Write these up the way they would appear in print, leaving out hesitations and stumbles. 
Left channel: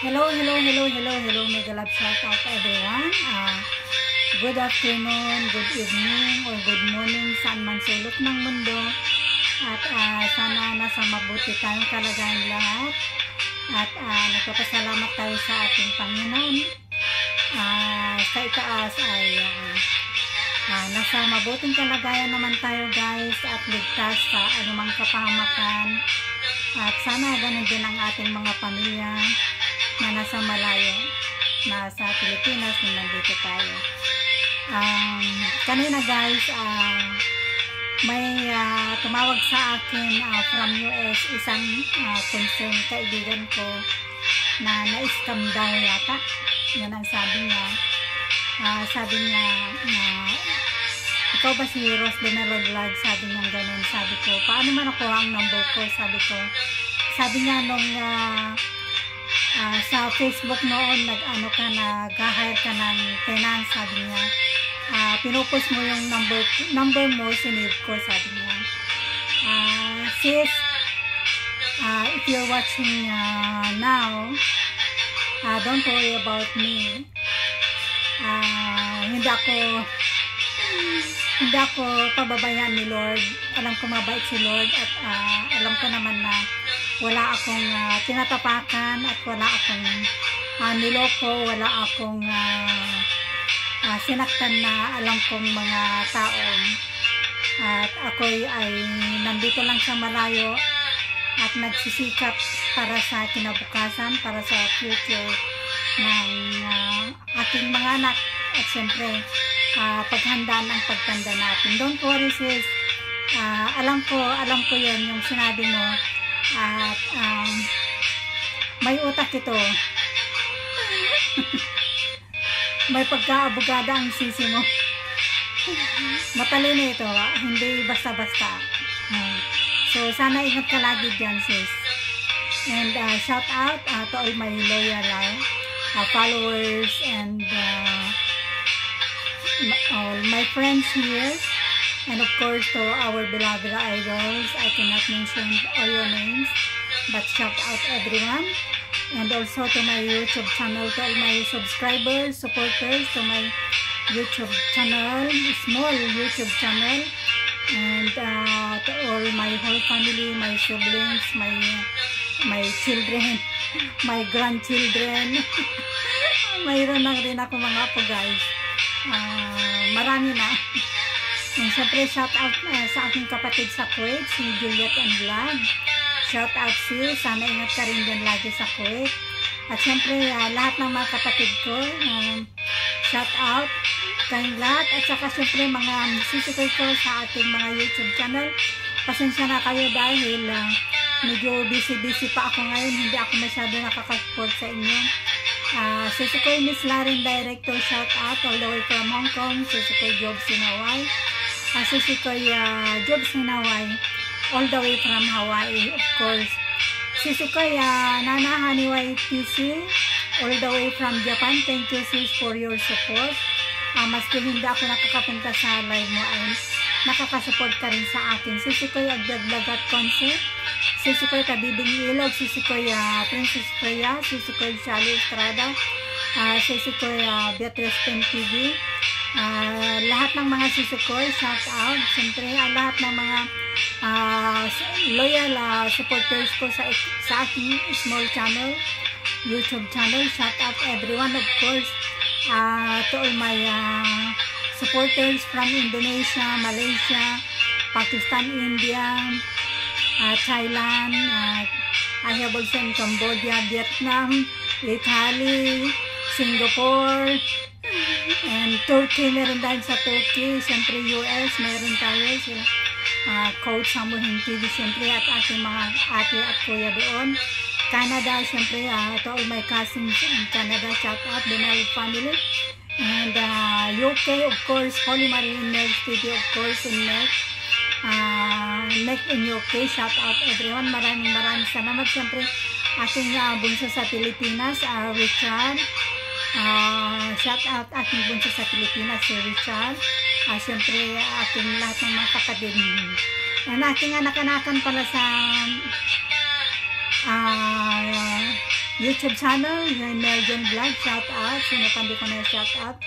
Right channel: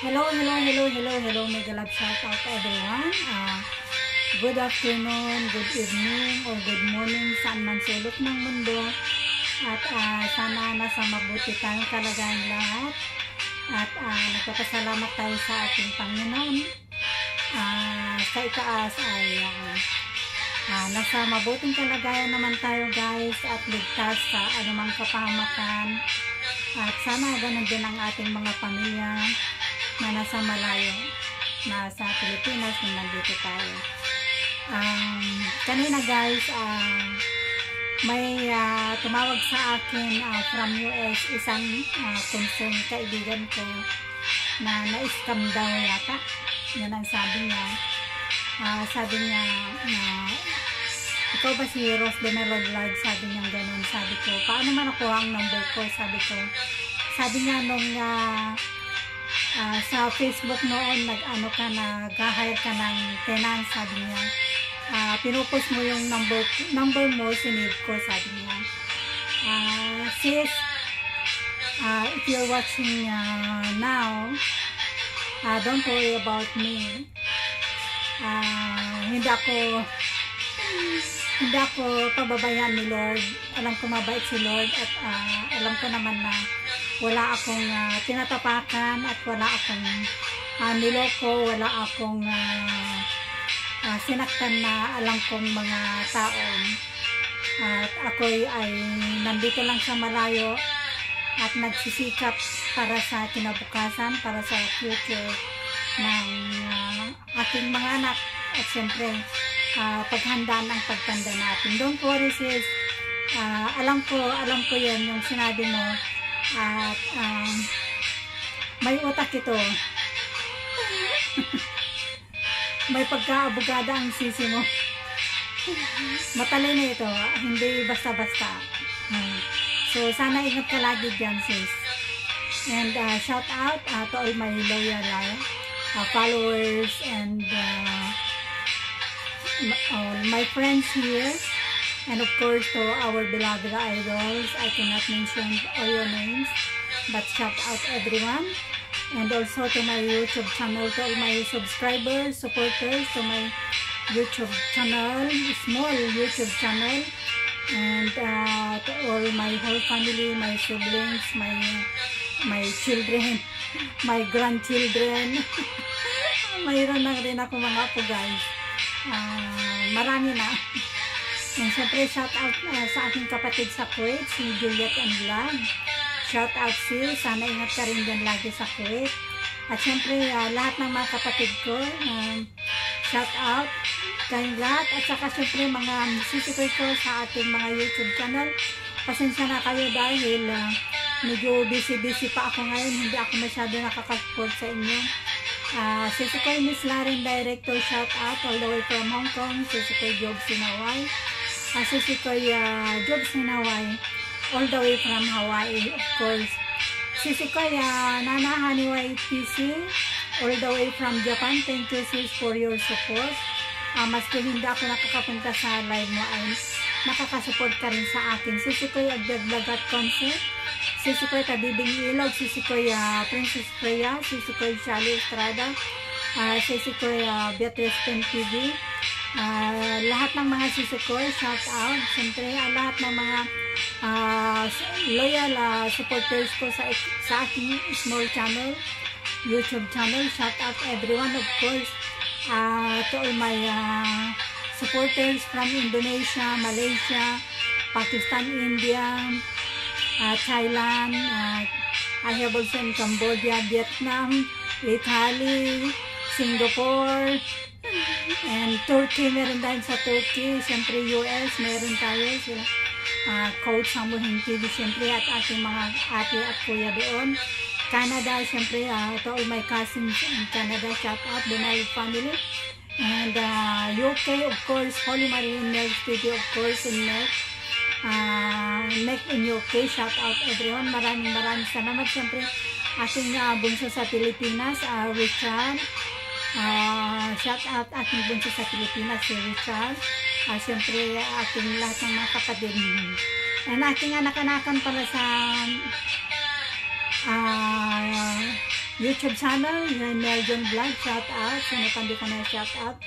Hello, mega love shout out everyone. Good afternoon, good evening, or good morning saan man sulok ng mundo. At sana nasa mabuti tayong kalagayan lahat. At nagpapasalamat tayo sa ating Panginoon. Sa itaas ay nasa mabuting kalagayan naman tayo guys, at ligtas sa anumang kapahamakan. At sana ganun din ang ating mga pamilya na nasa malayo, nasa Pilipinas, na nandito tayo. Kanina guys, may tumawag sa akin from US, isang concerned kaibigan ko na na-scam daw yata. Yan ang sabi niya. Sabi niya na, ikaw ba si Rose de Melo Vlog? Sabi niya ganun. Sabi ko, paano man nakuha ang number ko? Sabi niya nung sa Facebook noon, nag-hire ka ng tenant, sabi niya. Pinupost mo yung number mo, sinave ko, sabi niya. Sis, if you're watching now, don't worry about me. Hindi ako pababayaan ni Lord. Alam ko mabait si Lord, at alam ko naman na wala akong tinatapakan, at wala akong niloko, wala akong sinaktan na alam kong mga taong. At ako ay nandito lang sa malayo at nagsisikap para sa kinabukasan, para sa future ng aking mga anak, at siyempre paghandaan ang pagtanda natin. Don't worry sis, alam ko yun yung sinabi mo, at may utak ito. May pagkaabogada ang sisi mo. Matalino ito, hindi basta-basta. So sana ingat ka lagi dyan sis. And shout out to all my loyal followers and all my friends here, and of course to our beloved idols. I cannot mention all your names, but shout out everyone. And also to my YouTube channel, to all my subscribers, supporters, to my YouTube channel, small YouTube channel, and to all my whole family, my siblings, my children, my grandchildren. Mayroon na rin ako mga apo guys. Marami na. And syempre shout out sa aking kapatid sa Kuwait, si Juliet and Vlog. Shout out sis, sana ingat ka rin dyan lagi sa Kuwait. At syempre lahat ng mga kapatid ko, shout out kayong lahat. At saka syempre mga sisikoy ko sa ating mga YouTube channel, pasensya na kayo dahil medyo busy pa ako ngayon, hindi ako masyado nakaka-support sa inyo. Sisikoy Miss Laren Director, shout out all the way from Hong Kong. Sisikoy Jobs in Hawaii. Sisikoy Jobs in Hawaii, all the way from Hawaii, of course. Sisikoy Nana Haniway PC, all the way from Japan. Thank you sis for your support. Maski hindi ako nakakapunta sa live mo, ay nakakasupport ka rin sa akin. Sisikoy Agdaglagat Concept, Sisikoy Kabibing Ilog, Sisikoy Princess Freya, Sisikoy Shali Estrada, Sisikoy Beatrice Pen TV. Lahat ng mga sisikoy, shout out. Siyempre, lahat ng mga loyal supporters ko sa aking small channel, YouTube channel, shout out everyone. Of course, to all my supporters from Indonesia, Malaysia, Pakistan, India, Thailand, I have also in Cambodia, Vietnam, Italy, Singapore, and Turkey. Meron tayo sa Turkey. Siyempre US, meron tayo sila Coach Samuhin TV, siyempre, at ating mga ate at kuya doon. Canada, siyempre, to all my cousins in Canada, shout out the Mel family. And UK, of course, Holy Marine Nurse Studio, of course, in Neck in UK, shout out everyone. Maraming salamat. Siyempre, aking bunso sa Pilipinas, Richard. Shout out aking bunso sa Pilipinas, si Richard. Siyempre, aking lahat ng mga kapatid. And aking anak-anakan pala sa YouTube channel, yung Meljon Vlog, shout out. Sino pa di ko na shout out.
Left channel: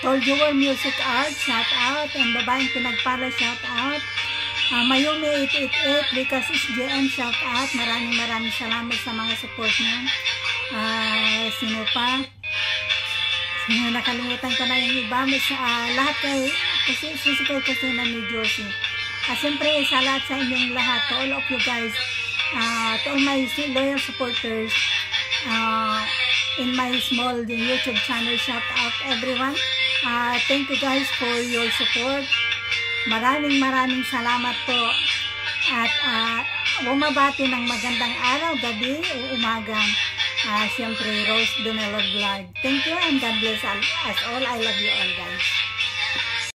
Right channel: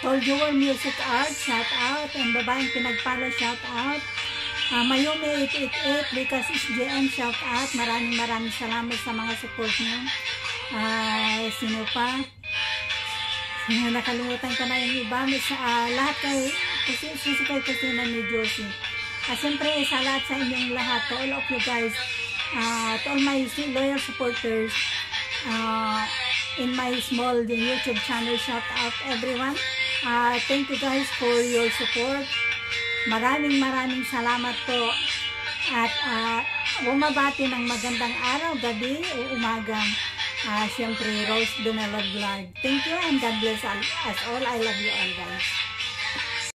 Told You Were Music Art, shout out. And babaeng pinagpala, shout out. Mayumi 888, because it's GM, shout out. Maraming salamat sa mga support niyo. Sino pa? Nakalimutan ko na yung iba. Lahat kayo, kasi na ni Josie. Siyempre, sa lahat sa inyong lahat, to all of you guys, to all my loyal supporters, in my small YouTube channel, shout out everyone. Thank you guys for your support. Maraming salamat po. At bumabati ng magandang araw, gabi o umaga. Siyempre, Rose Dumelod Vlog. Thank you and God bless us all. I love you all, guys.